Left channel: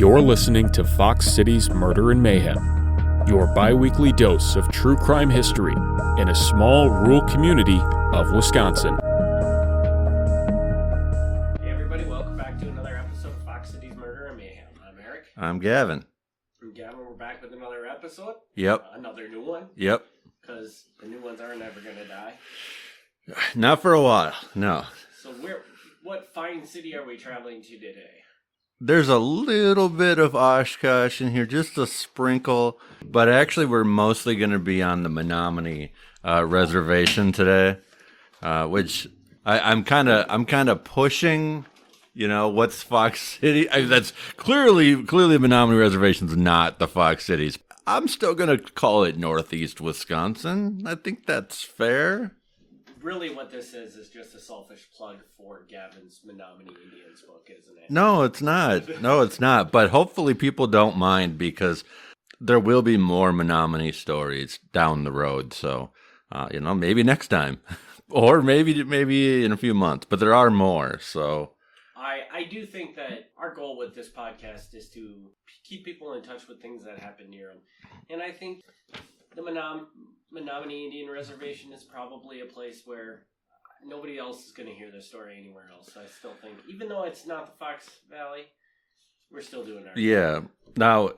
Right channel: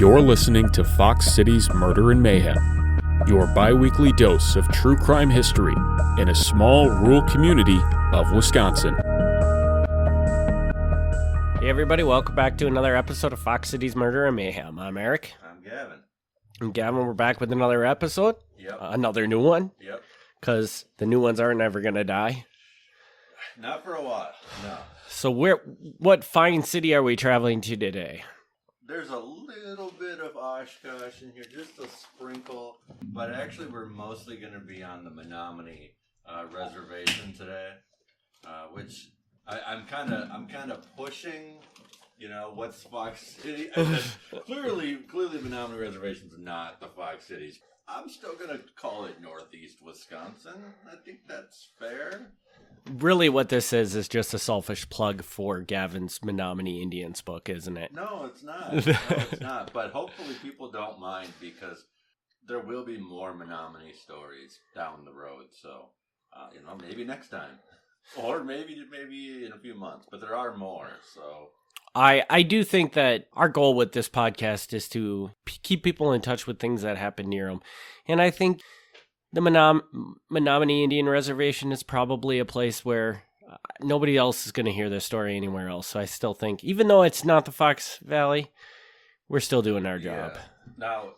You're listening to Fox City's Murder and Mayhem, your bi-weekly dose of true crime history in a small rural community of Wisconsin. Hey everybody, welcome back to another episode of Fox City's Murder and Mayhem. I'm Eric. I'm Gavin. And Gavin, we're back with another episode. Yep. Another new one. Yep. Because the new ones aren't ever going to die. Not for a while, no. So what fine city are we traveling to today? There's a little bit of Oshkosh in here, just a sprinkle, but actually we're mostly going to be on the Menominee reservation today, which I'm kind of pushing. You know, what's Fox City? That's clearly Menominee Reservation's not the Fox Cities. I'm still going to call it Northeast Wisconsin. I think that's fair. Really what this is just a selfish plug for Gavin's Menominee Indians book, isn't it? No, it's not. No, it's not. But hopefully people don't mind because there will be more Menominee stories down the road. So, maybe next time or maybe in a few months, but there are more. So I do think that our goal with this podcast is to keep people in touch with things that happen near them. And I think the Menominee Indian Reservation is probably a place where nobody else is going to hear this story anywhere else. So I still think, even though it's not the Fox Valley, we're still doing our job. Yeah. Now,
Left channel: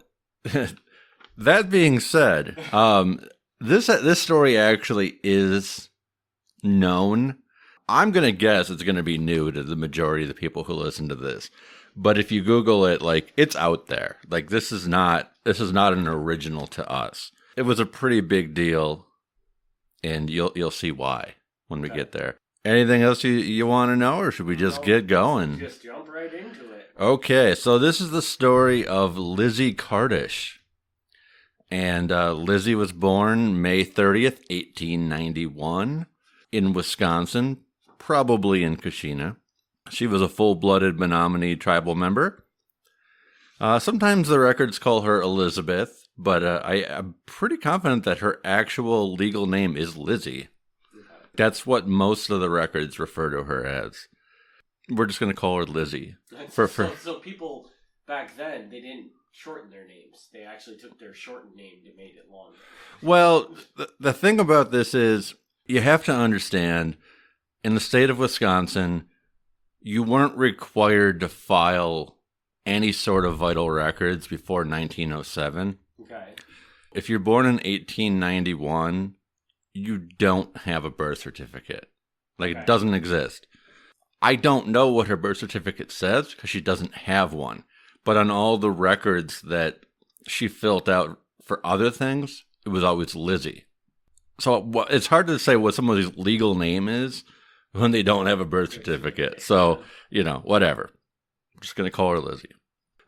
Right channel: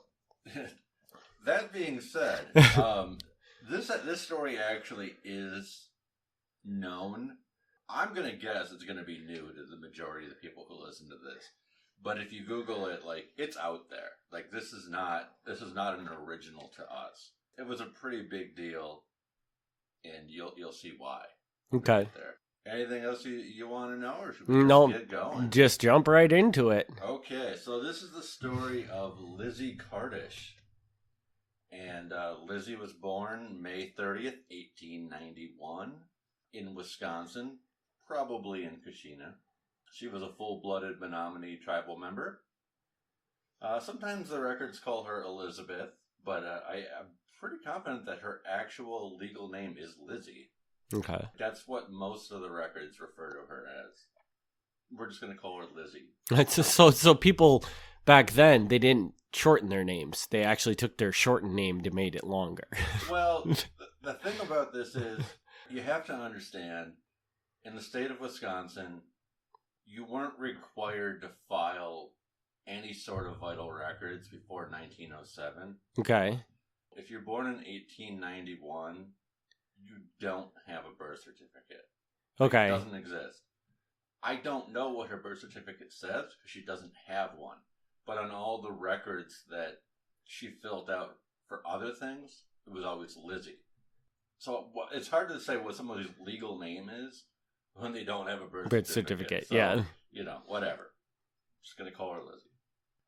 that being said, this story actually is known. I'm going to guess it's going to be new to the majority of the people who listen to this. But if you Google it, it's out there. This is not an original to us. It was a pretty big deal, and you'll see why when we get there. Anything else you want to know, or should we just get going? Just jump right into it. Okay, so this is the story of Lizzy Cardiff. And Lizzy was born May 30th, 1891, in Wisconsin, probably in Kashina. She was a full-blooded Menominee tribal member. Sometimes the records call her Elizabeth. But I'm pretty confident that her actual legal name is Lizzy. Okay. That's what most of the records refer to her as. We're just going to call her Lizzy. So people back then, they didn't shorten their names. They actually took their shortened name to make it longer. Well, the thing about this is you have to understand, in the state of Wisconsin, you weren't required to file any sort of vital records before 1907. Okay. If you're born in 1891, you don't have a birth certificate. It doesn't exist. I don't know what her birth certificate says because she doesn't have one. But on all the records that she filled out for other things, it was always Lizzy. So it's hard to say what somebody's legal name is when they don't have a birth certificate. So, whatever. I'm just going to call her Lizzy.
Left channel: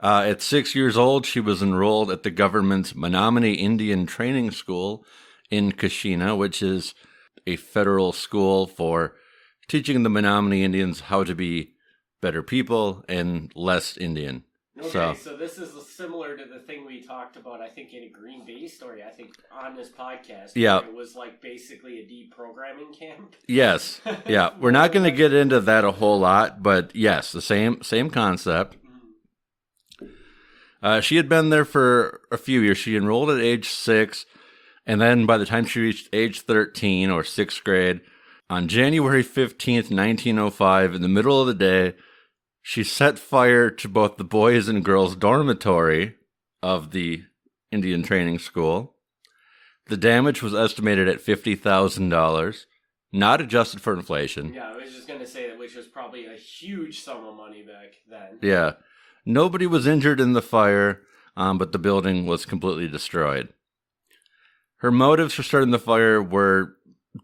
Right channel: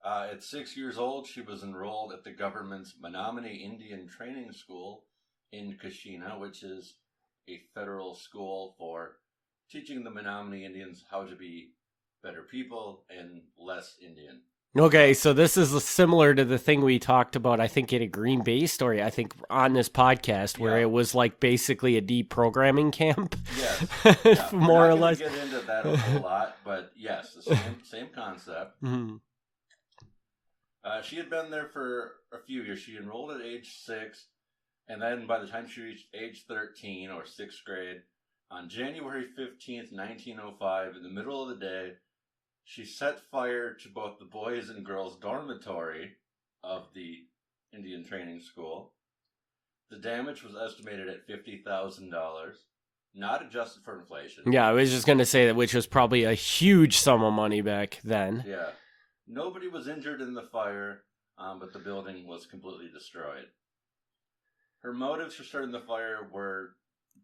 At 6 years old, she was enrolled at the government's Menominee Indian Training School in Kashina, which is a federal school for teaching the Menominee Indians how to be better people and less Indian. Okay, so this is similar to the thing we talked about, I think, in a Green Bay story, I think, on this podcast, where it was basically a deprogramming camp. Yes, yeah. We're not going to get into that a whole lot, but yes, the same concept. Mm-hmm. She had been there for a few years. She enrolled at age 6, and then by the time she reached age 13, or 6th grade, on January 15th, 1905, in the middle of the day, she set fire to both the boys' and girls' dormitory of the Indian Training School. The damage was estimated at $50,000, not adjusted for inflation. Yeah, I was just going to say that, which was probably a huge sum of money back then. Yeah. Nobody was injured in the fire, but the building was completely destroyed. Her motives for starting the fire were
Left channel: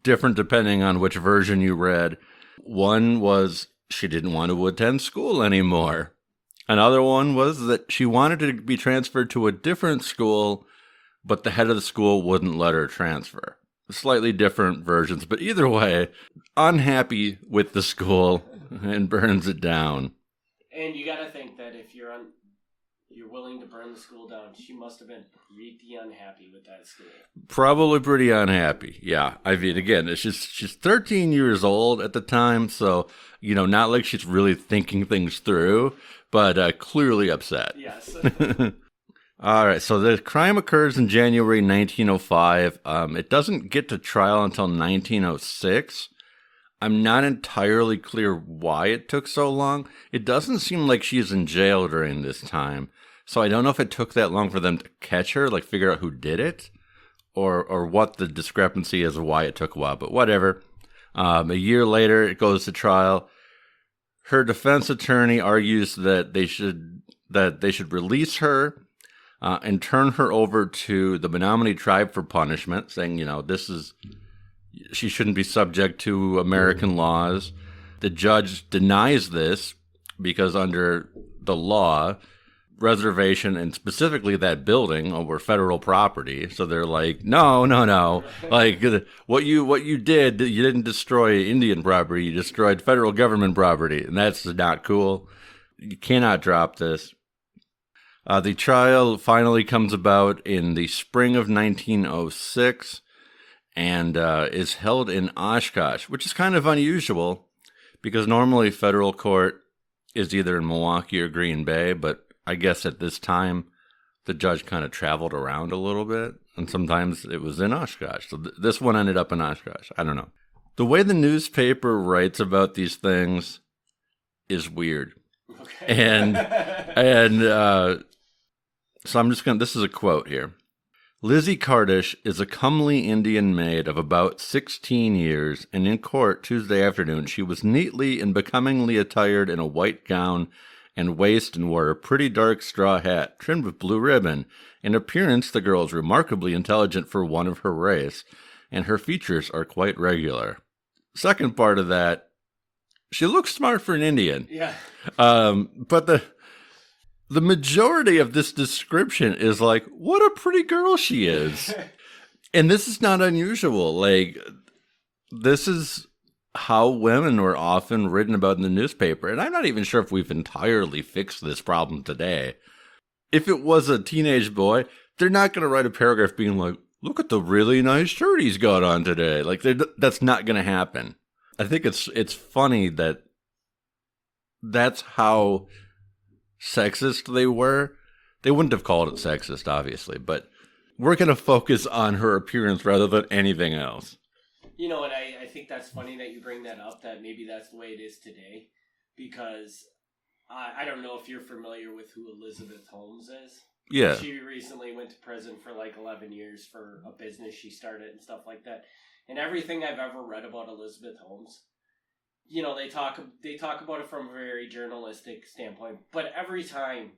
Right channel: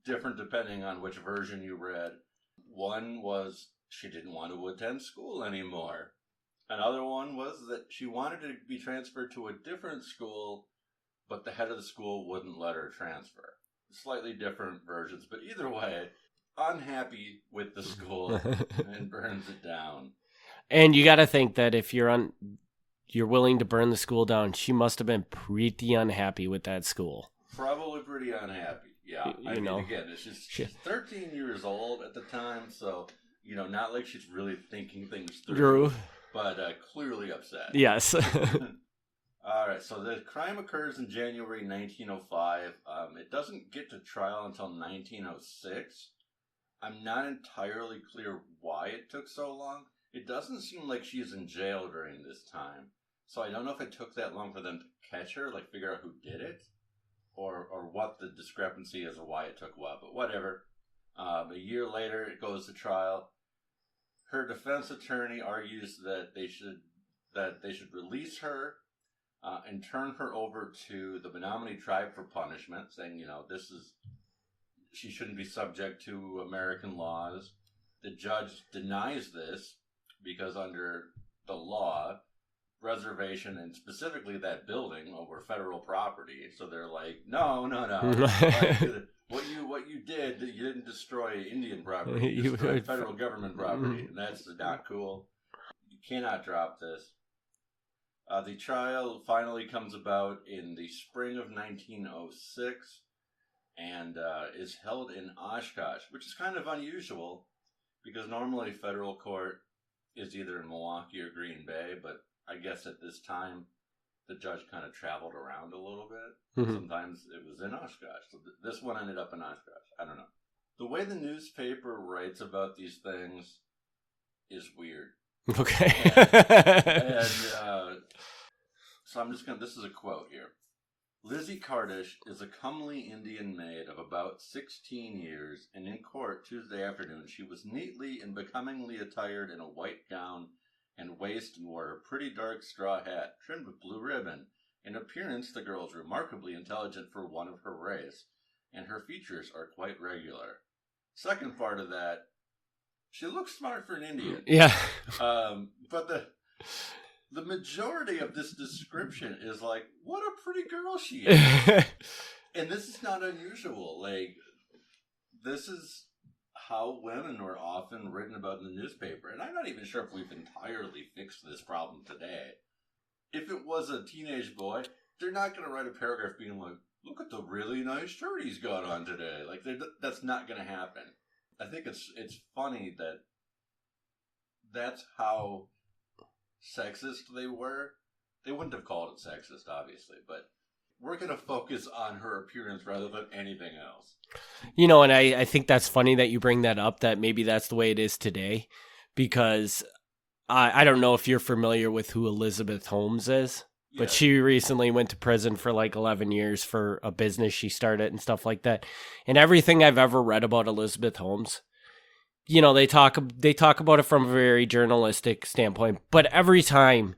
different depending on which version you read. One was she didn't want to attend school anymore. Another one was that she wanted to be transferred to a different school, but the head of the school wouldn't let her transfer. Slightly different versions, but either way, unhappy with the school and burns it down. And you got to think that if you're willing to burn the school down, she must have been pretty unhappy with that school. Probably pretty unhappy, yeah. I mean, again, she's 13 years old at the time, so Not like she's really thinking things through, but clearly upset. Yes. All right, so the crime occurs in January 1905. It doesn't get to trial until 1906. I'm not entirely clear why it took so long. It doesn't seem like she's in jail during this time. So I don't know if it took that long for them to catch her, like figure out who did it, or what the discrepancy is of why it took a while, but whatever. A year later, it goes to trial. Her defense attorney argues that they should release her and turn her over to the Menominee tribe for punishment, saying, she shouldn't be subject to American laws. The judge denies this because under the law, reservation and specifically that building were federal property. So they're like, no. Like what you did, you didn't destroy Indian property. You destroyed federal government property. And that's not cool. You cannot drop this. The trial finally comes about in the spring of 1906 and is held in Oshkosh, which is kind of unusual because normally federal court is either in Milwaukee or Green Bay, but I guess at this time the judge kind of traveled around a little bit, and sometimes it was in Oshkosh. So this one ended up in Oshkosh. I don't know. The way the newspaper writes about these things is weird. Okay. And so I'm just going to, this is a quote here. Lizzy Cardiff is a comely Indian maid of about 16 years, and in court Tuesday afternoon she was neatly and becomingly attired in a white gown and waist and wore a pretty dark straw hat trimmed with blue ribbon. In appearance, the girl is remarkably intelligent for one of her race, and her features are quite regular. Second part of that, she looks smart for an Indian. Yeah. But the majority of this description is like, what a pretty girl she is. And this is not unusual. Like, this is how women were often written about in the newspaper. And I'm not even sure if we've entirely fixed this problem today. If it was a teenage boy, they're not going to write a paragraph being like, look at the really nice shirt he's got on today. Like, that's not going to happen. I think it's funny that that's how sexist they were. They wouldn't have called it sexist, obviously, but we're going to focus on her appearance rather than anything else. And I think that's funny that you bring that up, that maybe that's the way it is today, because I don't know if you're familiar with who Elizabeth Holmes is. Yeah. She recently went to prison for like 11 years for a business she started and stuff like that. And everything I've ever read about Elizabeth Holmes, they talk about it from a very journalistic standpoint, but every time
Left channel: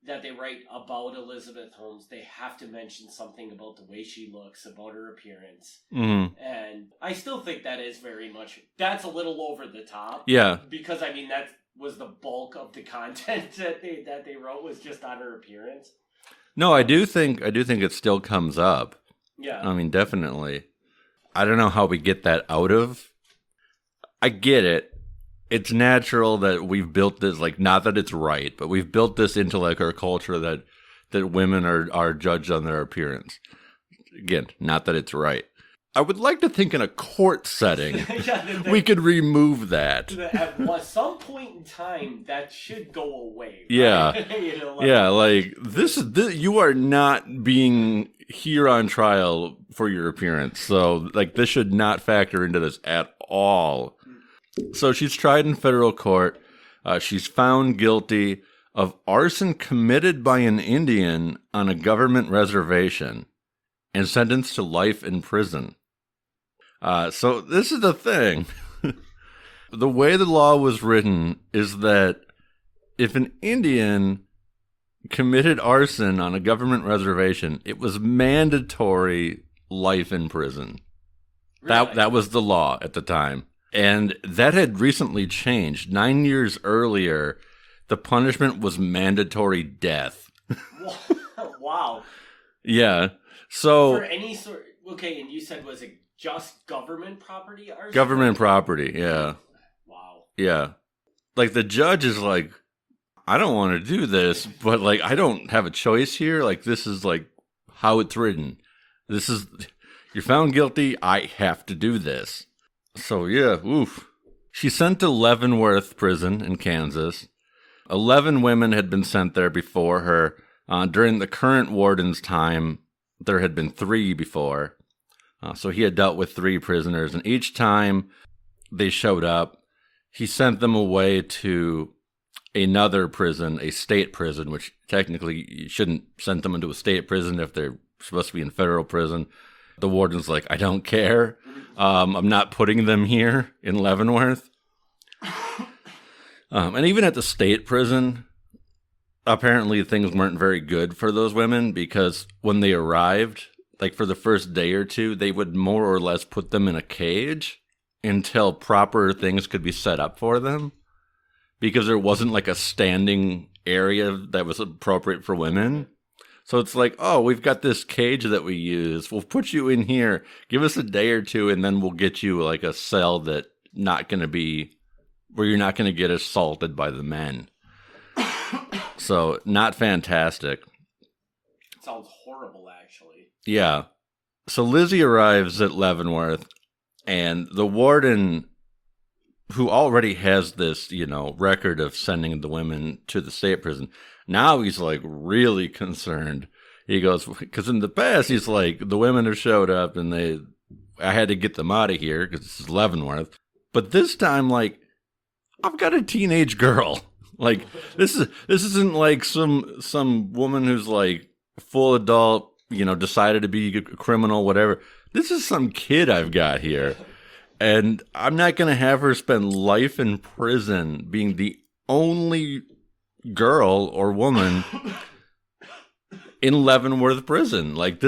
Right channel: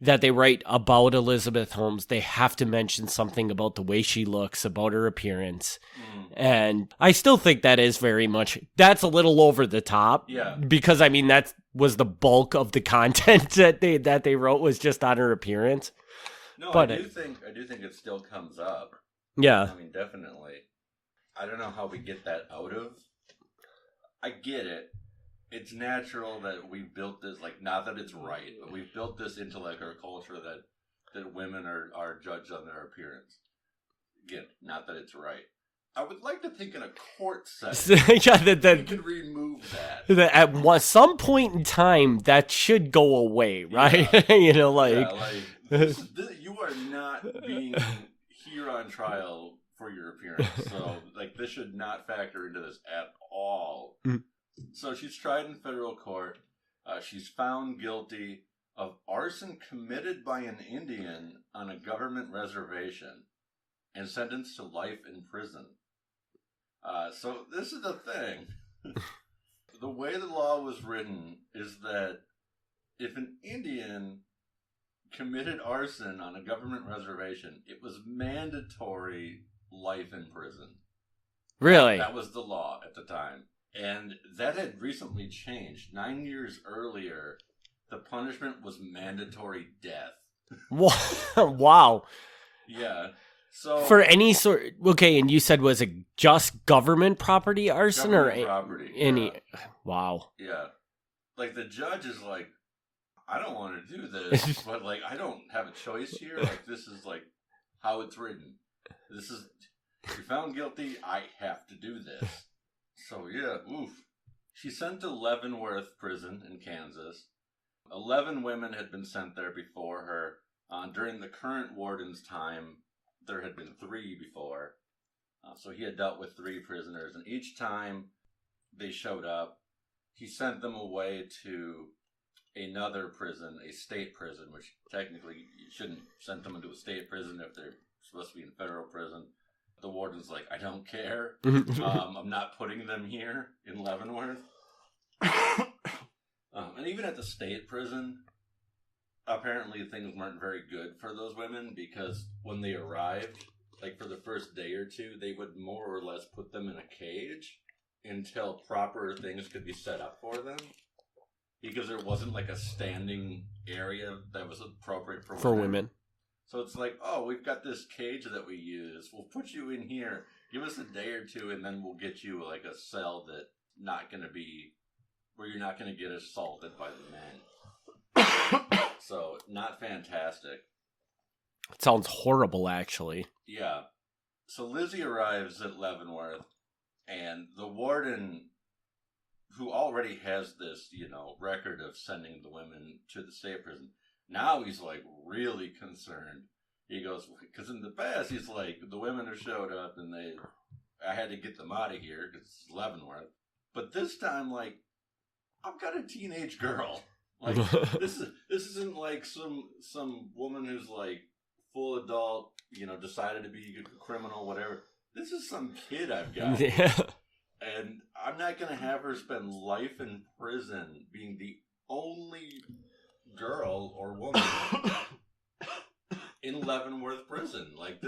that they write about Elizabeth Holmes, they have to mention something about the way she looks, about her appearance. Mm-hmm. And I still think that is very much, that's a little over the top. Yeah. Because that was the bulk of the content that they wrote was just on her appearance. No, but I do think it still comes up. Yeah. I mean, definitely. I don't know how we get that out of. I get it. It's natural that we've built this, like, not that it's right, but we've built this into like our culture that women are judged on their appearance. Again, not that it's right. I would like to think in a court setting, we could remove that. At some point in time, that should go away, right? Yeah. This you are not being here on trial for your appearance. So, like, this should not factor into this at all. So she's tried in federal court. She's found guilty of arson committed by an Indian on a government reservation and sentenced to life in prison. So this is the thing. The way the law was written is that if an Indian committed arson on a government reservation, it was mandatory life in prison. Really? That was the law at the time. And that had recently changed. 9 years earlier, the punishment was mandatory death. Wow. Yeah. So for any sort, okay, and you said was it just government property arson? Government property, yeah. Wow. Yeah. Like, the judge is like, I don't want to do this, but, like, I don't have a choice here. Like, this is, like, how it's written. This is, you're found guilty, I have to do this. So, yeah, oof. She's sent to Leavenworth Prison in Kansas. 11 women had been sent there before her. During the current warden's time, there had been 3 before. So he had dealt with 3 prisoners, and each time they showed up, he sent them away to another prison, a state prison, which technically you shouldn't send them into a state prison if they're supposed to be in federal prison. The warden's like, I don't care. I'm not putting them here in Leavenworth. And even at the state prison, apparently things weren't very good for those women, because when they arrived, like for the first day or 2, they would more or less put them in a cage until proper things could be set up for them, because there wasn't like a standing area that was appropriate for women. So it's like, oh, we've got this cage that we use. We'll put you in here. Give us a day or 2, and then we'll get you like a cell that not going to be where you're not going to get assaulted by the men. So not fantastic. It sounds horrible, actually. Yeah. So Lizzy arrives at Leavenworth, and the warden, who already has this, record of sending the women to the state prison, now he's like really concerned. He goes, because in the past he's like, the women have showed up and I had to get them out of here because this is Leavenworth. But this time, like, I've got a teenage girl. Like, this isn't like some woman who's like full adult, decided to be a criminal, whatever. This is some kid I've got here. And I'm not going to have her spend life in prison being the only girl or woman in Leavenworth prison. Like,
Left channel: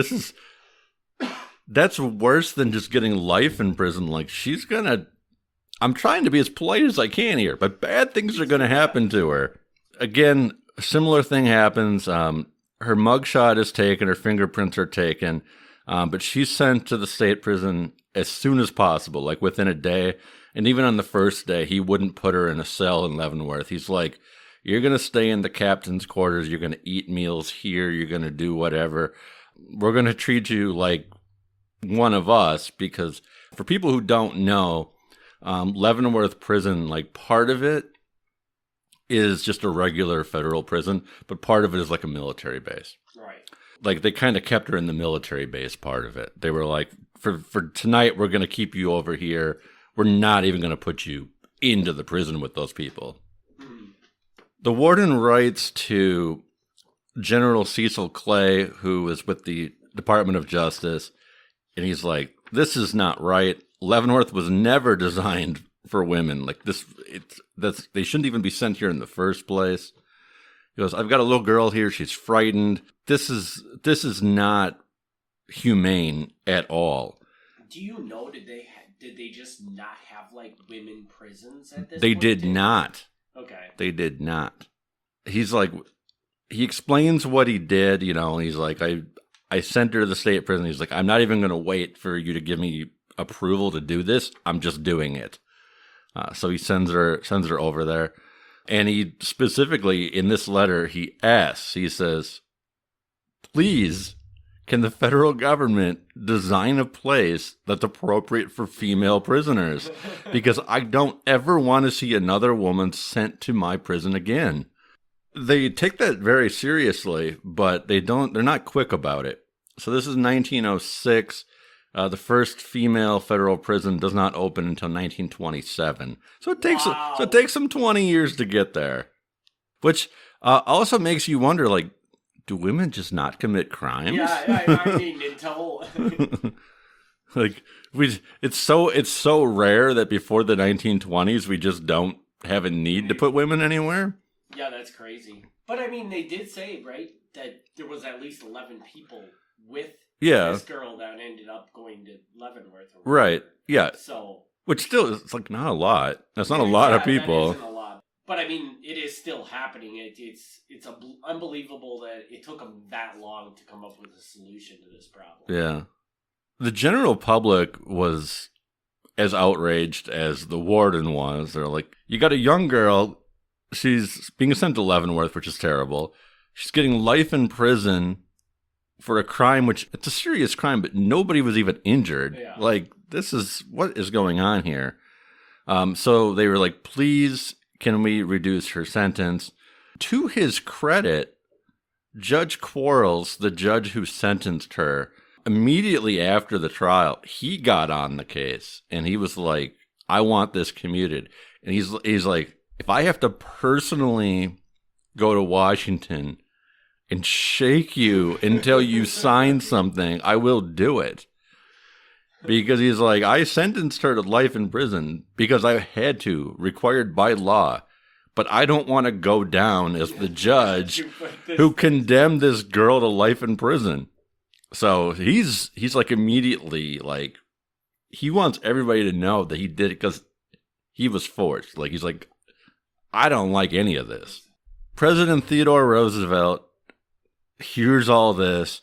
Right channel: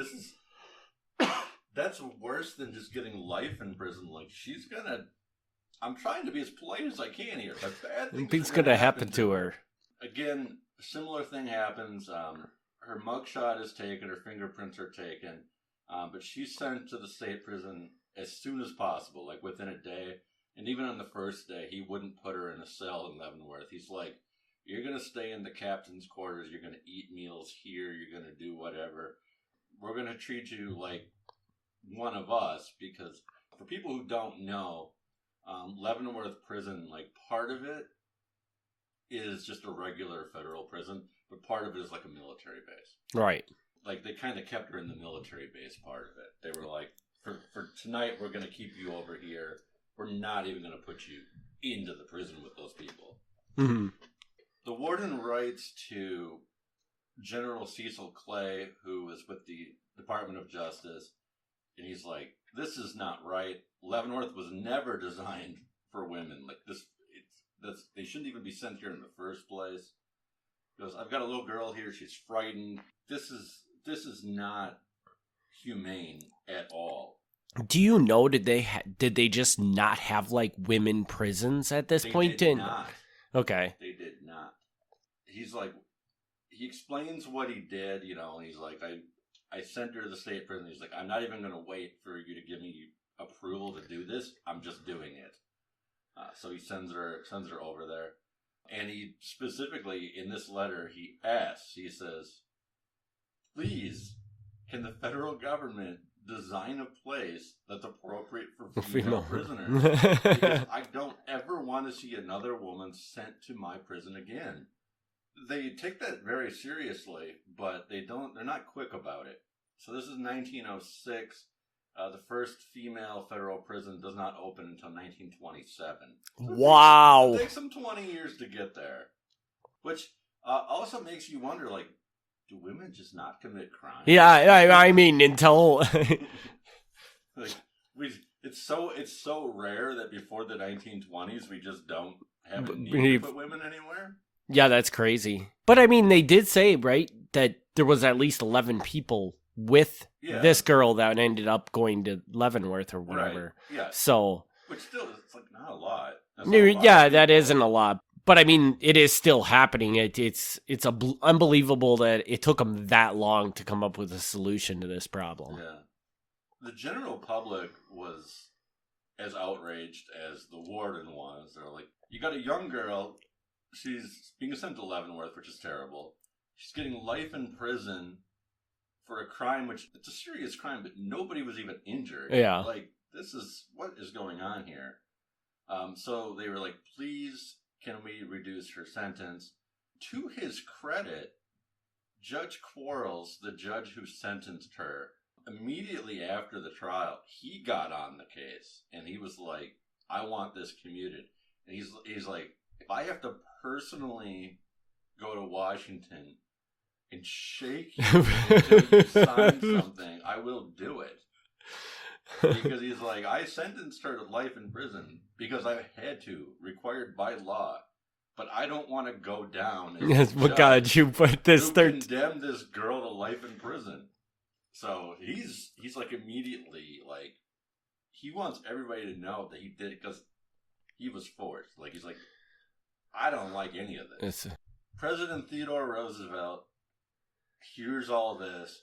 that's worse than just getting life in prison. Like, I'm trying to be as polite as I can here, but bad things are going to happen to her. Again, a similar thing happens. Her mugshot is taken, her fingerprints are taken, but she's sent to the state prison as soon as possible, like within a day. And even on the first day, he wouldn't put her in a cell in Leavenworth. He's like, you're going to stay in the captain's quarters. You're going to eat meals here. You're going to do whatever. We're going to treat you like one of us, because for people who don't know, Leavenworth prison, like part of it is just a regular federal prison, but part of it is like a military base. Right. Like they kind of kept her in the military base part of it. They were like, for tonight, we're going to keep you over here. We're not even going to put you into the prison with those people. Mm-hmm. The warden writes to General Cecil Clay, who is with the Department of Justice, and he's like, this is not right. Leavenworth was never designed for women. Like they shouldn't even be sent here in the first place. He goes, I've got a little girl here. She's frightened. This is not humane at all. Do you know, did they just not have like women prisons at this point? They did not. Okay. They did not. He's like, he explains what he did, he's like, I sent her to the state prison. He's like, I'm not even going to wait for you to give me approval to do this. I'm just doing it. So he sends her over there. And he specifically, in this letter, he says, please, can the federal government design a place that's appropriate for female prisoners? Because I don't ever want to see another woman sent to my prison again. They take that very seriously, but they're not quick about it. So this is 1906. The first female federal prison does not open until 1927. So it takes them 20 years to get there. Which also makes you wonder, like, do women just not commit crimes? Yeah, I mean, until like it's so rare that before the 1920s we just don't have a need to put women anywhere. Yeah, that's crazy. But I mean, they did say, right, that there was at least 11 people with this girl that ended up going to Leavenworth or whatever. Right. Yeah. So, which still is like not a lot. That's not a lot of people. Yeah, that isn't a lot. But I mean, it is still happening. It's unbelievable that it took them that long to come up with a solution to this problem. Yeah. The general public was as outraged as the warden was. They're like, you got a young girl. She's being sent to Leavenworth, which is terrible. She's getting life in prison for a crime, which it's a serious crime, but nobody was even injured. Yeah. Like, what is going on here? So they were like, please, can we reduce her sentence? To his credit, Judge Quarles, the judge who sentenced her, immediately after the trial, he got on the case and he was like, I want this commuted. And he's like, if I have to personally go to Washington and shake you until you sign something, I will do it. Because he's like, I sentenced her to life in prison because I had to, required by law. But I don't want to go down as the judge who condemned this girl to life in prison. So he's like immediately like, he wants everybody to know that he did it because he was forced. Like, he's like, I don't like any of this. President Theodore Roosevelt hears all this.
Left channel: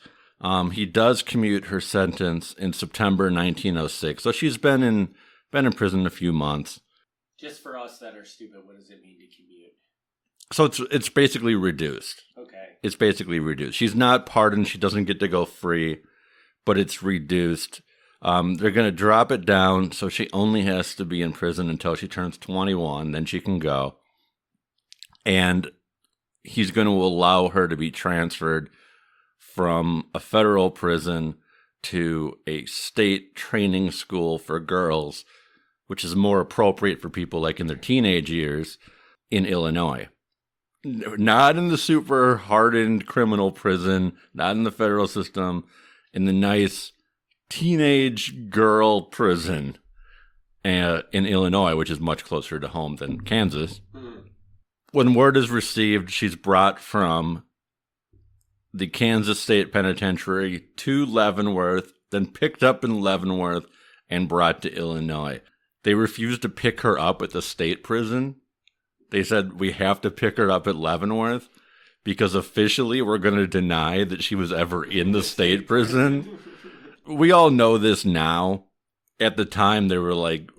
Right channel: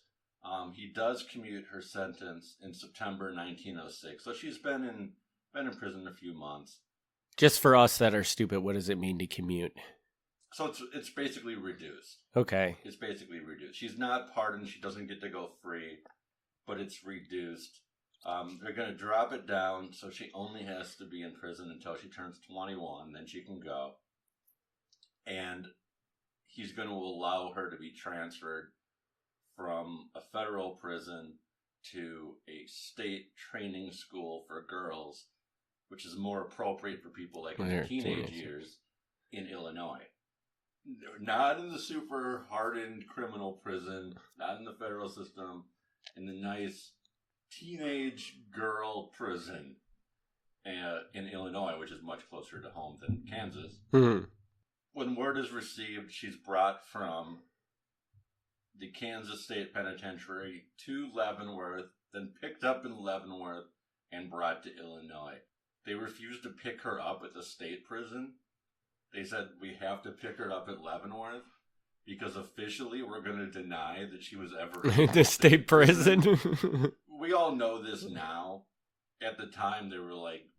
He does commute her sentence in September 1906. So she's been in prison a few months. Just for us that are stupid, what does it mean to commute? So it's basically reduced. Okay. It's basically reduced. She's not pardoned. She doesn't get to go free, but it's reduced. They're going to drop it down, so she only has to be in prison until she turns 21. Then she can go. And he's going to allow her to be transferred from a federal prison to a state training school for girls, which is more appropriate for people like in their teenage years in Illinois. Not in the super hardened criminal prison, not in the federal system, in the nice teenage girl prison in Illinois, which is much closer to home than Kansas. Mm-hmm. When word is received, she's brought from the Kansas State Penitentiary to Leavenworth, then picked up in Leavenworth and brought to Illinois. They refused to pick her up at the state prison. They said, we have to pick her up at Leavenworth because officially we're going to deny that she was ever in the state prison. We all know this now. At the time, they were like,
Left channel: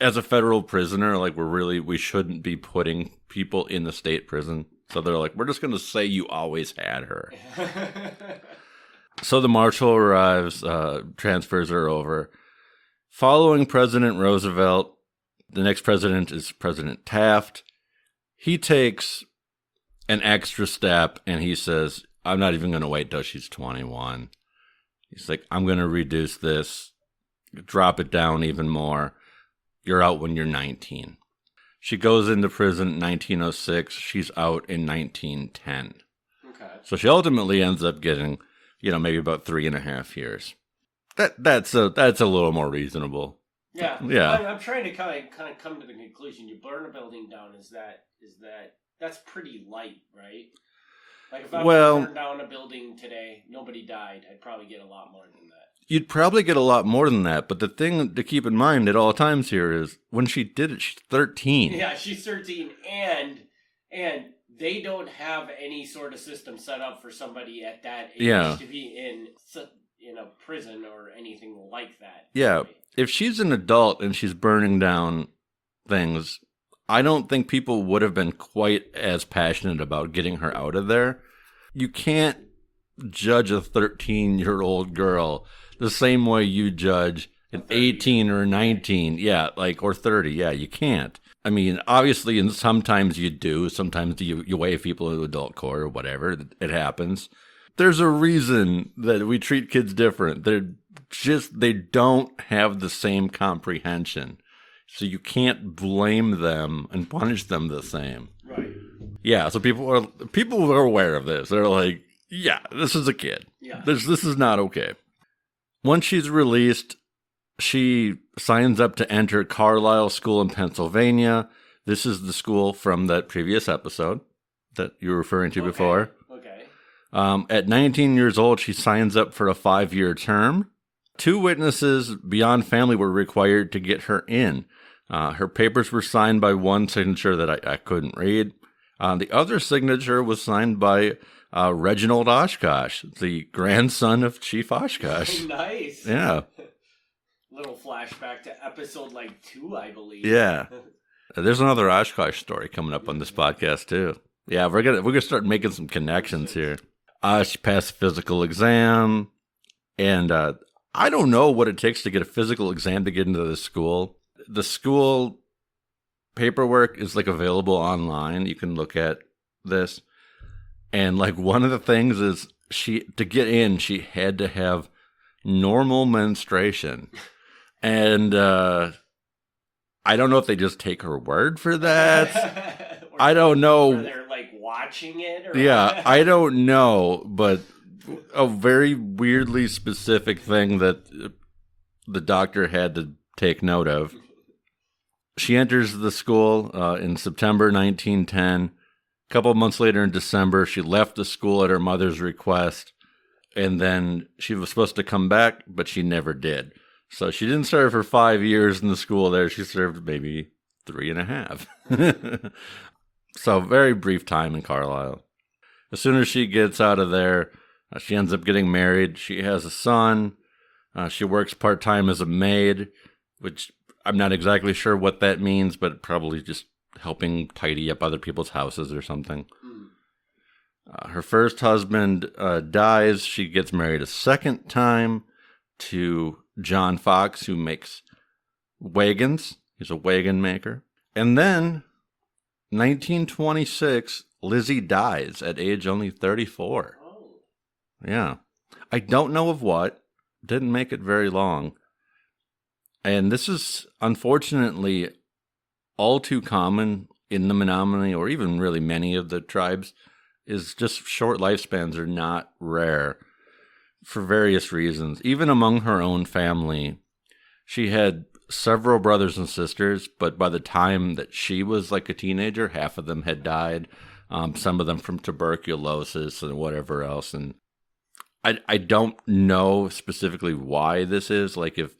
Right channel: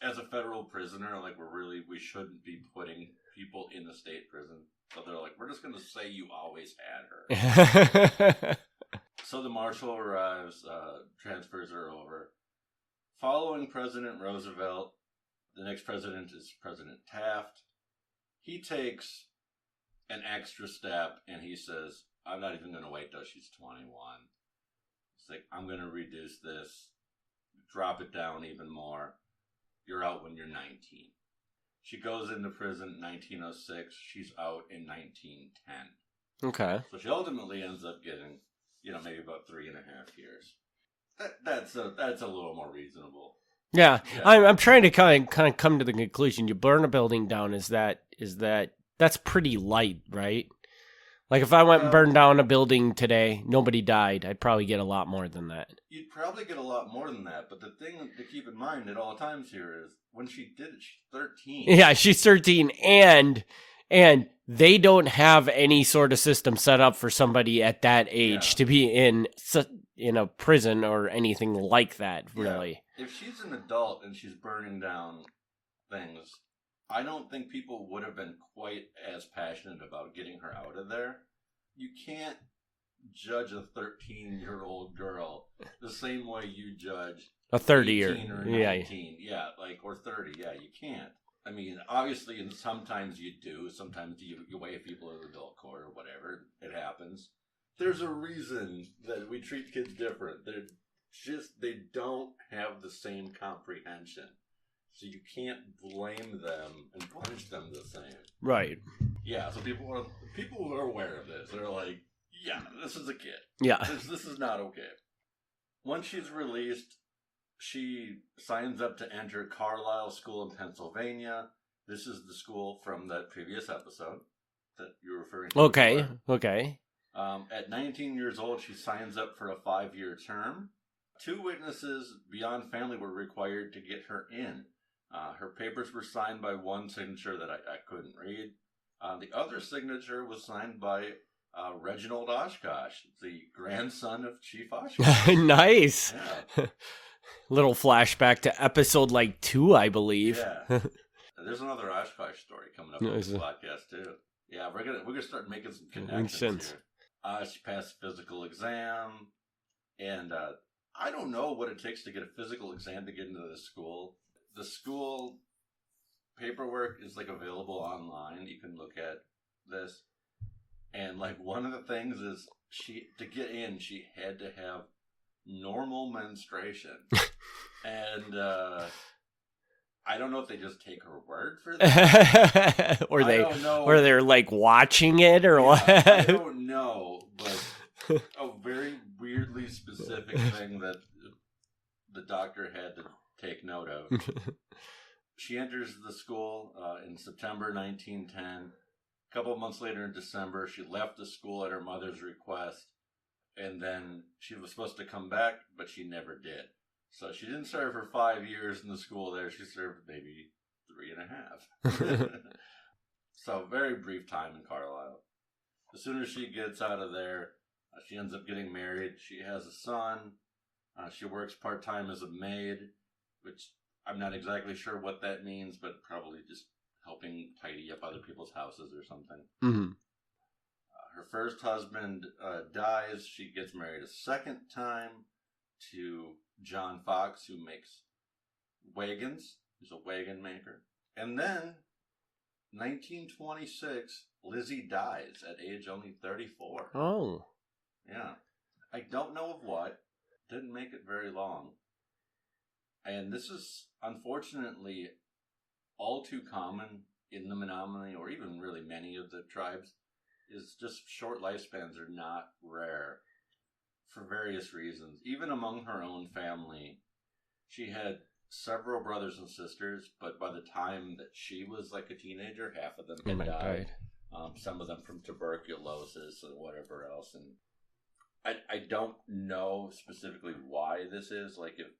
as a federal prisoner, like, we shouldn't be putting people in the state prison. So they're like, we're just going to say you always had her. So the marshal arrives, transfers her over. Following President Roosevelt, the next president is President Taft. He takes an extra step and he says, I'm not even going to wait till she's 21. He's like, I'm going to reduce this, drop it down even more. You're out when you're 19. She goes into prison in 1906. She's out in 1910. Okay. So she ultimately ends up getting, maybe about 3.5 years. That's a little more reasonable. Yeah. Yeah. I'm trying to kind of come to the conclusion. You burn a building down. Is that's pretty light, right? Like if I went and burned down a building today, nobody died, I'd probably get a lot more than that. You'd probably get a lot more than that, but the thing to keep in mind at all times here is when she did it, she's 13. Yeah, she's 13, and they don't have any sort of system set up for somebody at that age to be in a prison or anything like that. Really. Yeah, if she's an adult and she's burning down things, I don't think people would have been quite as passionate about getting her out of there. You can't judge a 13-year-old girl the same way you judge an 18 or 19. Yeah, or 30. Yeah, you can't. I mean, obviously, and sometimes you do. Sometimes you waive people in adult court or whatever. It happens. There's a reason that we treat kids different. They don't have the same comprehension. So you can't blame them and punish them the same. Right. Yeah, so people are aware of this. They're like, yeah, this is a kid. Yeah. This is not okay. Once she's released, she signs up to enter Carlisle School in Pennsylvania. This is the school from that previous episode that you were referring to before. Okay. At 19 years old, she signs up for a 5-year term. 2 witnesses beyond family were required to get her in. Her papers were signed by one signature that I couldn't read. The other signature was signed by Reginald Oshkosh, the grandson of Chief Oshkosh. Nice. Yeah. Little flashback to episode 2, I believe. Yeah. There's another Oshkosh story coming up on this podcast too. Yeah, we're gonna start making some connections here. She passed a physical exam, and I don't know what it takes to get a physical exam to get into this school. the school paperwork is like available online. You can look at this. And like one of the things is to get in, she had to have normal menstruation. And I don't know if they just take her word for that. I don't know. Or they're like watching it or what. I don't know, but a very weirdly specific thing that the doctor had to take note of. She enters the school in September 1910. A couple of months later in December, she left the school at her mother's request, and then she was supposed to come back, but she never did. So she didn't serve for 5 years in the school there. She served maybe 3.5. So very brief time in Carlisle. As soon as she gets out of there, she ends up getting married. She has a son. She works part-time as a maid, which I'm not exactly sure what that means, but probably just helping tidy up other people's houses or something. Mm-hmm. Her first husband dies. She gets married a second time to John Fox, who makes wagons. He's a wagon maker. And then, 1926, Lizzy dies at age only 34. Oh. Yeah. I don't know of what. Didn't make it very long. And this is, unfortunately, all too common in the Menominee, or even really many of the tribes, is just short lifespans are not rare for various reasons. Even among her own family, she had several brothers and sisters, but by the time that she was like a teenager, half of them had died. Some of them from tuberculosis and whatever else. And I don't know specifically why this is, like if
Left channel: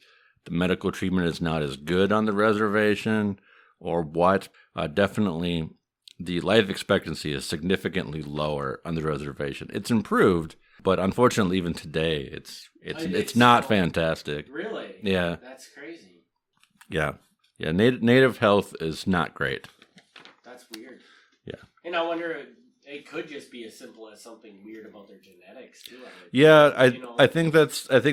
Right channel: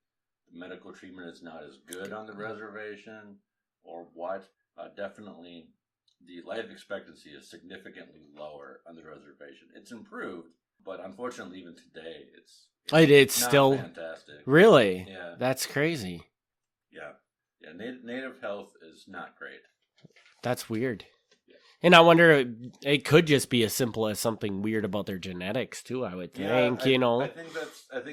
the medical treatment is not as good on the reservation or what. Definitely the life expectancy is significantly lower on the reservation. It's improved, but unfortunately even today it's not still fantastic. Really? Yeah. That's crazy. Yeah. Yeah, native health is not great. That's weird. Yeah. And I wonder, it could just be as simple as something weird about their genetics too, I would think. Yeah, I think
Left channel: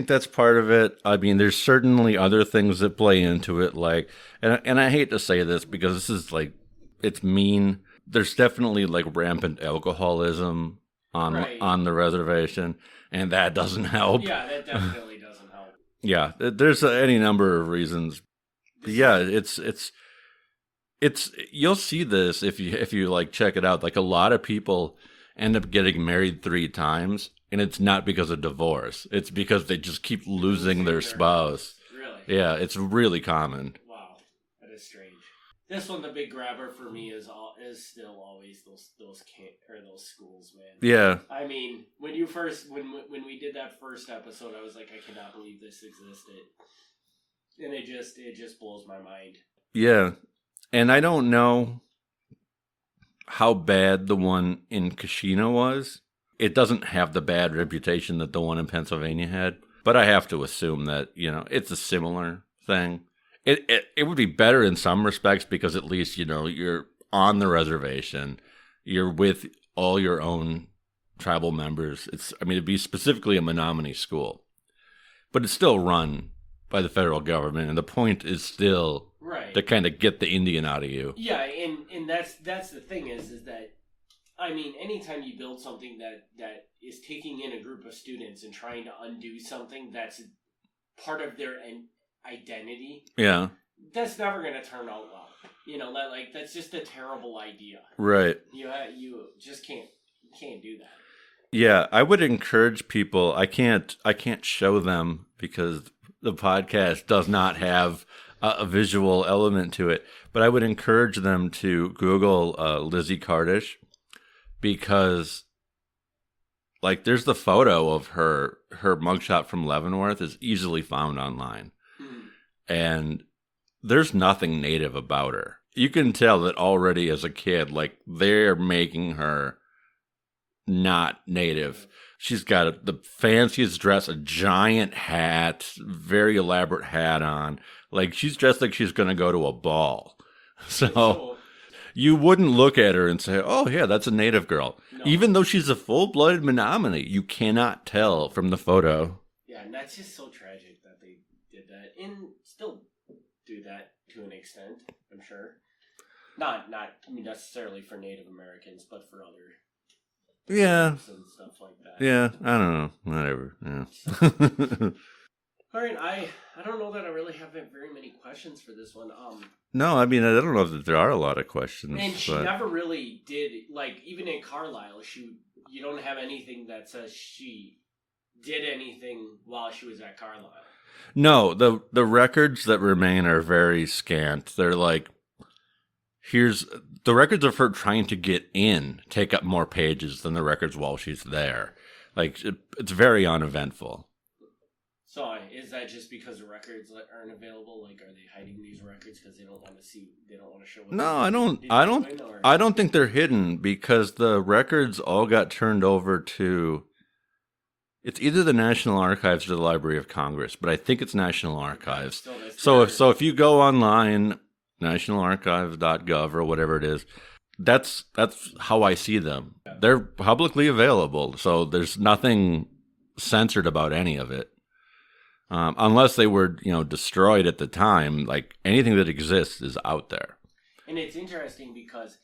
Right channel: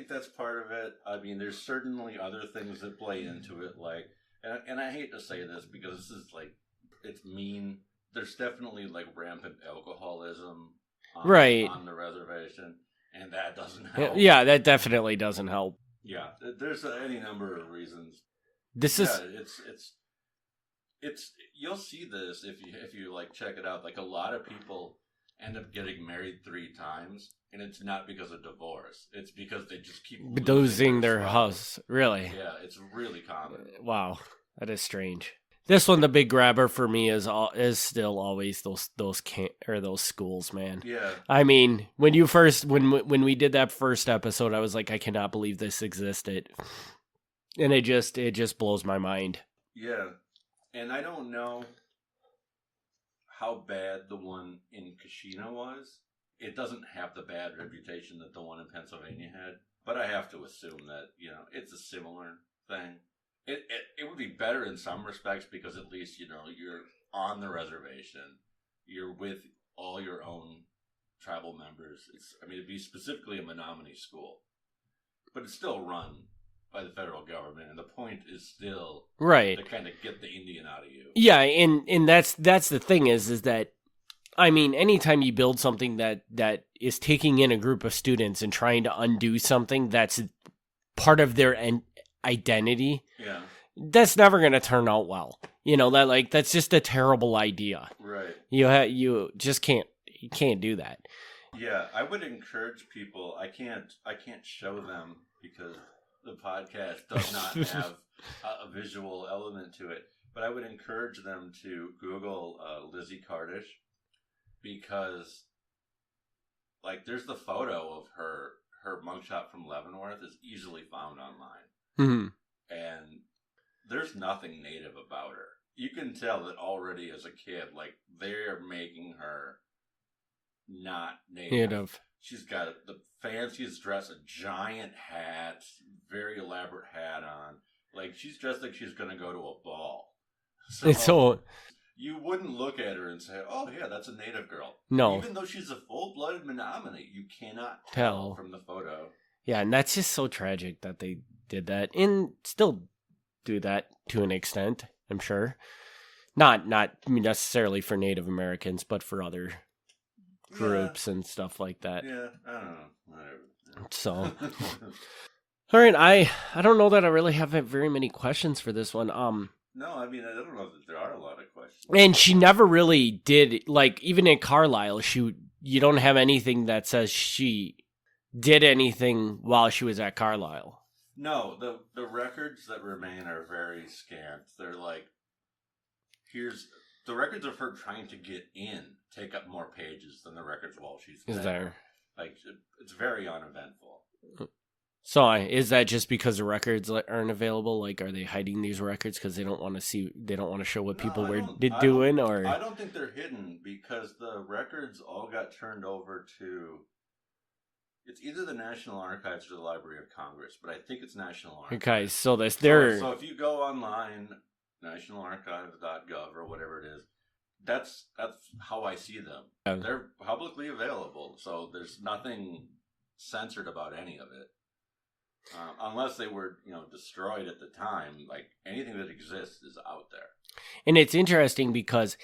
that's part of it. I mean, there's certainly other things that play into it, like, and I hate to say this because this is like, it's mean. There's definitely like rampant alcoholism on the reservation, and that doesn't help. Yeah, that definitely doesn't help. Yeah, there's any number of reasons. It's you'll see this if you like check it out. Like a lot of people end up getting married 3 times, and it's not because of divorce. It's because they just keep losing their spouse. House. Really? Yeah, it's really common. Wow, that is strange. This one, the big grabber for me is still always those schools, man. Yeah. I mean, when we did that first episode, I was like, I cannot believe this existed, and it just blows my mind. Yeah. And I don't know how bad the one in Kashina was. It doesn't have the bad reputation that the one in Pennsylvania had, but I have to assume that, it's a similar thing. It would be better in some respects because at least, you're on the reservation. You're with all your own tribal members. It'd be specifically a Menominee school, but it's still run by the federal government, and the point is still to kind of get the Indian out of you. Yeah, and that's the thing is that, I mean, anytime you build something that is taking in a group of students and trying to undo something that's part of their identity, yeah, that's never going to turn out well. That's just a terrible idea. Right. You just can't do that. Yeah, I would encourage people. I can't show them because the podcast does not have a visual element to it, but I would encourage them to Google Lizzy Cardiff, because like there's the photo of her mugshot from Leavenworth is easily found online. Mm-hmm. And there's nothing native about her. You can tell that already as a kid, like they're making her not native. She's got the fanciest dress, a giant hat, very elaborate hat on. Like she's dressed like she's going to go to a ball. So you wouldn't look at her and say, oh, yeah, that's a native girl. No. Even though she's a full-blooded Menominee, you cannot tell from the photo. Yeah, and that's just so tragic that they did that. And still do that to an extent, I'm sure. Not necessarily for Native Americans, but for other groups and stuff like that. Yeah, I don't know. Whatever. Yeah. So, all right, I don't know that I really have very many questions for this one. No, I mean, I don't know if there are a lot of questions. And she never really did, like, even in Carlisle, you don't have anything that says she did anything while she was at Carlisle. No, the records that remain are very scant. They're like, the records of her trying to get in take up more pages than the records while she's there. Like, it's very uneventful. So is that just because the records aren't available? Like, are they hiding these records because they don't want to show what people are doing? Or I don't think they're hidden because the records all got turned over to, it's either the National Archives or the Library of Congress, but I think it's National Archives. Okay, so if you go online, nationalarchives.gov or whatever it is, that's how I see them. They're publicly available, so there's nothing censored about any of it. Unless they were, destroyed at the time, like anything that exists is out there. And it's interesting because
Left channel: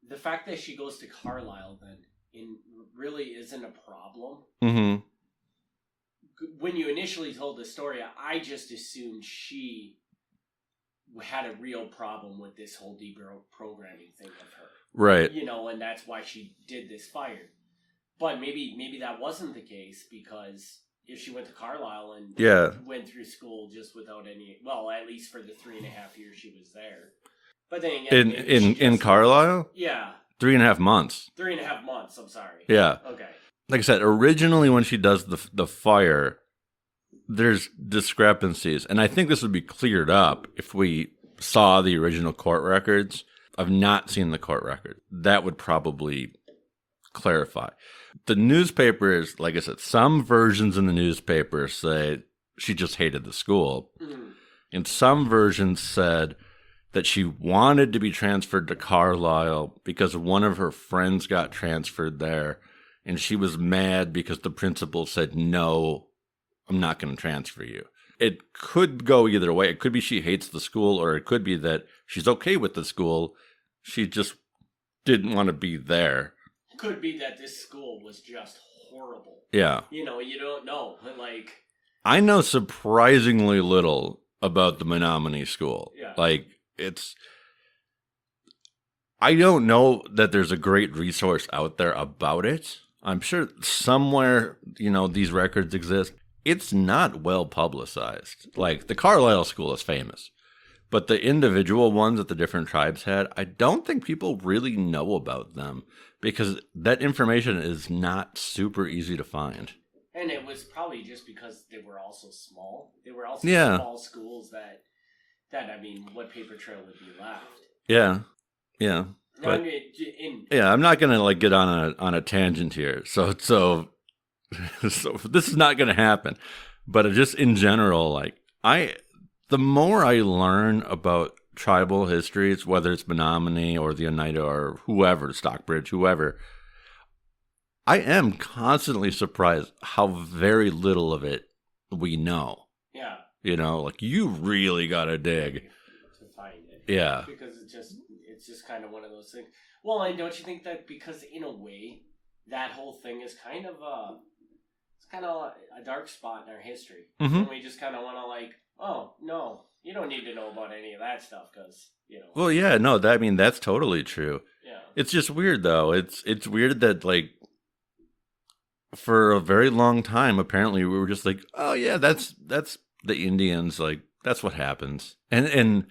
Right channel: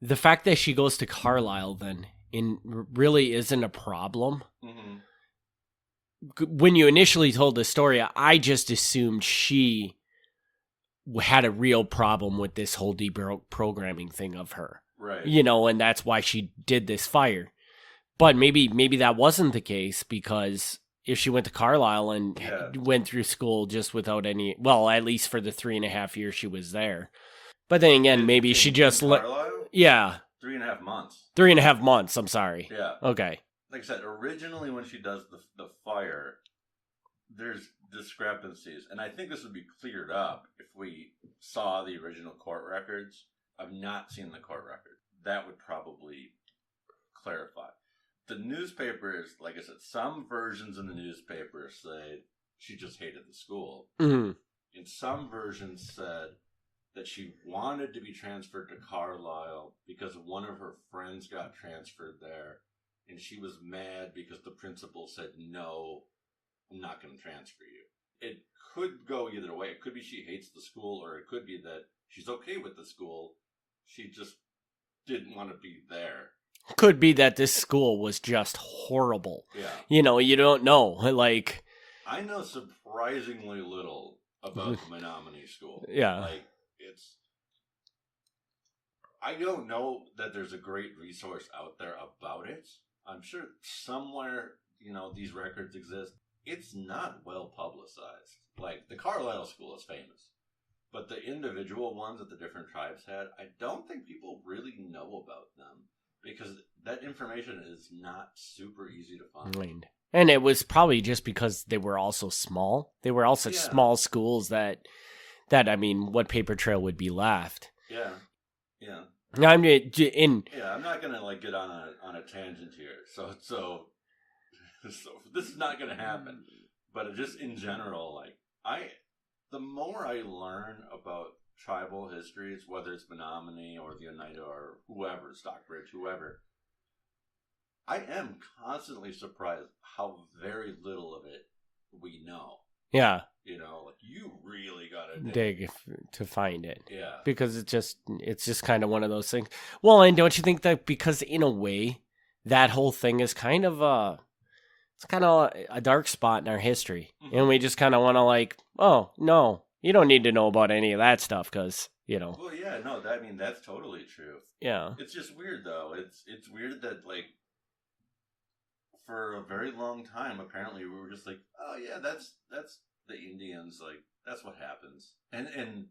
the fact that she goes to Carlisle then really isn't a problem. Mm-hmm. When you initially told the story, I just assumed she had a real problem with this whole deprogramming thing of her. Right. And that's why she did this fire. But maybe that wasn't the case because if she went to Carlisle and went through school just without any, well, at least for the 3.5 years she was there. But then again, she just in Carlisle? Yeah. 3.5 months. 3.5 months, I'm sorry. Yeah. Okay. Like I said, originally when she does the fire, there's discrepancies. And I think this would be cleared up if we saw the original court records. I've not seen the court record. That would probably clarify. The newspapers, like I said, some versions in the newspaper say she just hated the school. Mm-hmm. And some versions said that she wanted to be transferred to Carlisle because one of her friends got transferred there. And she was mad because the principal said, no, I'm not going to transfer you. It could go either way. It could be she hates the school, or it could be that she's okay with the school. She just didn't want to be there. Could be that this school was just horrible. Yeah. You don't know. Like, I know surprisingly little about the Menominee school. Yeah. Like, I don't know that there's a great resource out there about it. I'm sure somewhere, these records exist. It's not well publicized. Like, the Carlisle school is famous. But the individual ones that the different tribes had, I don't think people really know about them. Because that information is not super easy to find. And it was probably just because they were also small. They were also small schools that I mean, what paper trail would be left? Yeah. Yeah. I'm not gonna get on a tangent here. So this is not gonna happen. But just in general, the more I learn about tribal histories, whether it's Menominee or the Oneida or whoever, Stockbridge, whoever, I am constantly surprised how very little of it we know. Yeah. You really gotta dig to find it. Yeah. Because it's just kind of one of those things. Well, and don't you think that because in a way, that whole thing is kind of a dark spot in our history. Mm-hmm. And we just kind of want to oh, no, you don't need to know about any of that stuff because, Well, yeah, no, that's totally true. Yeah. It's just weird, though. It's weird that, for a very long time, apparently, we were just oh, yeah, that's the Indians. That's what happens. And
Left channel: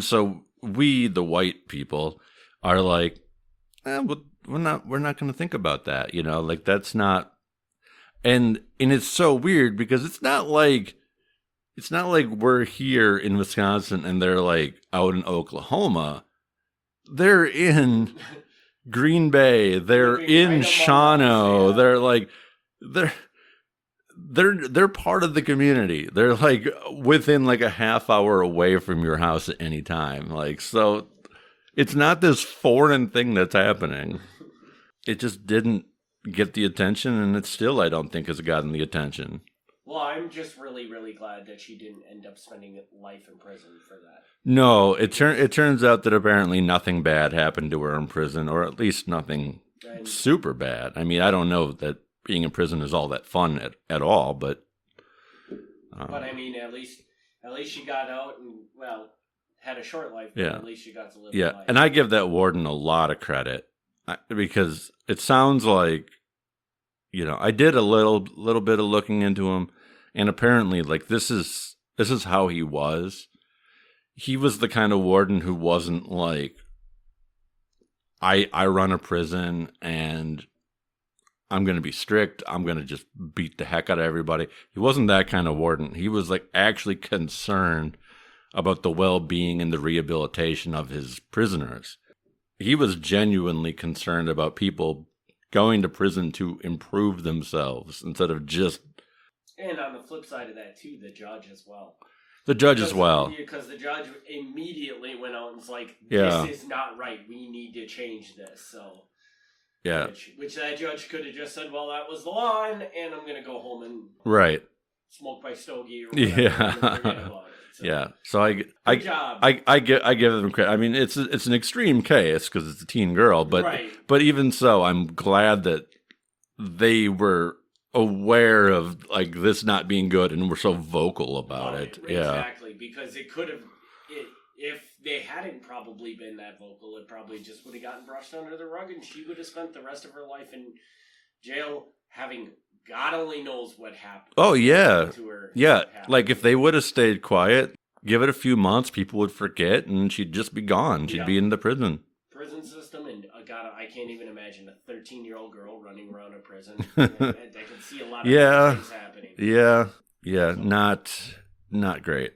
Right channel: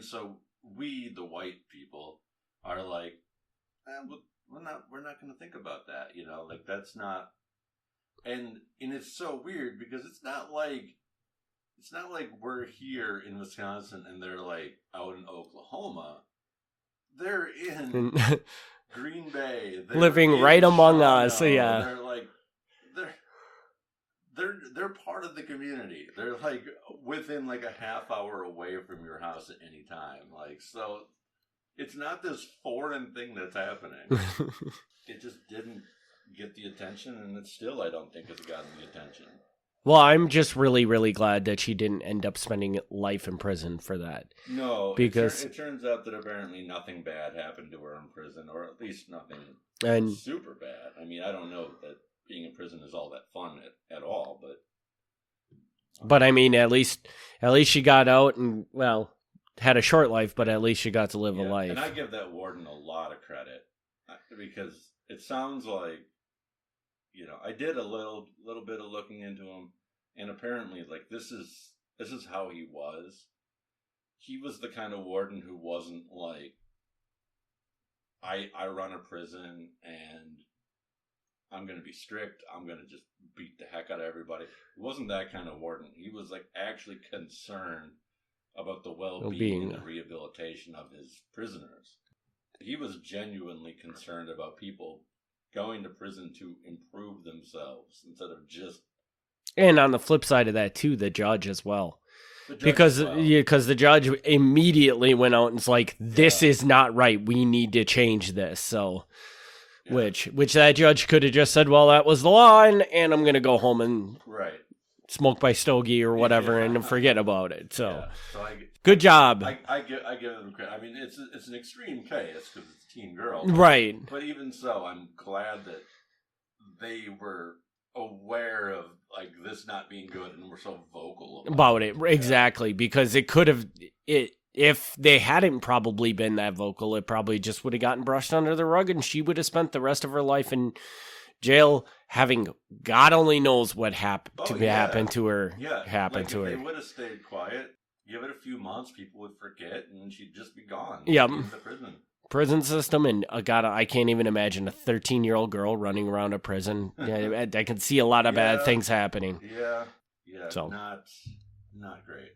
so we, the white people, are we're not going to think about that, that's not. And it's so weird because it's not like we're here in Wisconsin and they're out in Oklahoma. They're in Green Bay. They're living in right among Shawano. us. Yeah. They're part of the community. They're within a half hour away from your house at any time. So it's not this foreign thing that's happening. It just didn't get the attention, and it still, I don't think, has gotten the attention. Well, I'm just really, really glad that she didn't end up spending life in prison for that. No, it turns out that apparently nothing bad happened to her in prison, or at least nothing super bad. I mean, I don't know that being in prison is all that fun at all, but... But I mean, at least she got out and, well, had a short life, but at least she got to live a life. And I give that warden a lot of credit because it sounds like, I did a little bit of looking into him, and apparently, like, this is how he was. He was the kind of warden who wasn't like, I run a prison and I'm going to be strict. I'm going to just beat the heck out of everybody. He wasn't that kind of warden. He was like actually concerned about the well-being and the rehabilitation of his prisoners. He was genuinely concerned about people going to prison to improve themselves instead of just... And on the flip side of that, too, the judge as well. As well. Yeah, because the judge immediately went out and was like, this is not right. We need to change this. So, which that judge could have just said, well, that was the law, and I'm going to go home and smoke my stogie or whatever and forget about it. So, good job. I give them credit. I mean, it's an extreme case because it's a teen girl, but But even so, I'm glad that they were aware of like this not being good and were so vocal about it. Exactly, because it could have if they hadn't probably been that vocal, it probably just would have gotten brushed under the rug, and she would have spent the rest of her life in jail, having God only knows what happened. Happened to her. Yeah, like if they would have stayed quiet, give it a few months, people would forget, and she'd just be gone. She'd be in the prison system, and God, I can't even imagine a 13-year-old girl running around a prison. I can see a lot of bad things happening. Yeah, so. Not great.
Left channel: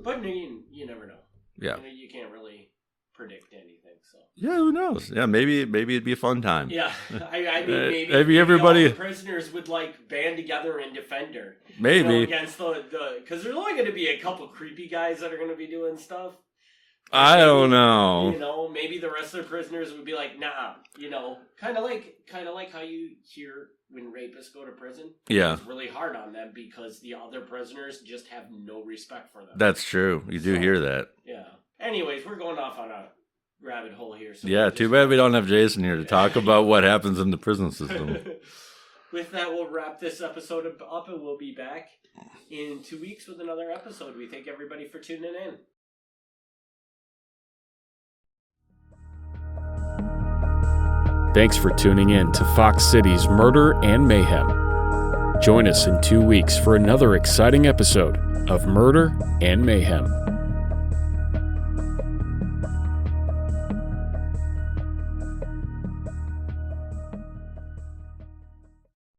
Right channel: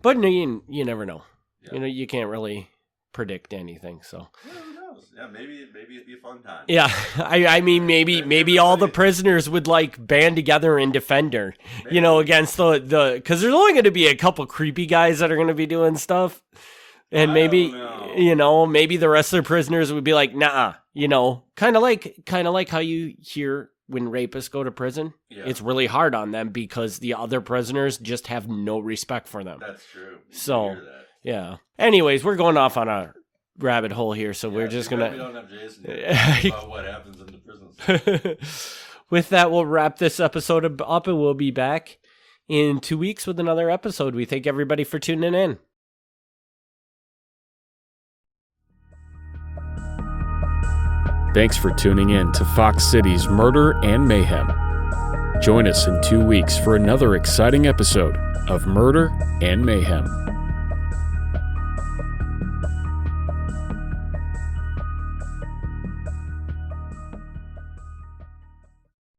But you never know. Yeah, you can't really predict anything. So who knows? Yeah, maybe it'd be a fun time. Yeah, I mean, maybe all the prisoners would like band together and defend her. Maybe. Against the because there's only going to be a couple creepy guys that are going to be doing stuff. And I don't know. Maybe the rest of the prisoners would be like, nah, kind of like how you hear when rapists go to prison. Yeah. It's really hard on them because the other prisoners just have no respect for them. That's true. You do hear that. Yeah. Anyways, we're going off on a rabbit hole here. So we're just too bad we don't have Jason here to talk about what happens in the prison system. With that, we'll wrap this episode up and we'll be back in 2 weeks with another episode. We thank everybody for tuning in. Thanks for tuning in to Fox City's Murder and Mayhem. Join us in 2 weeks for another exciting episode of Murder and Mayhem.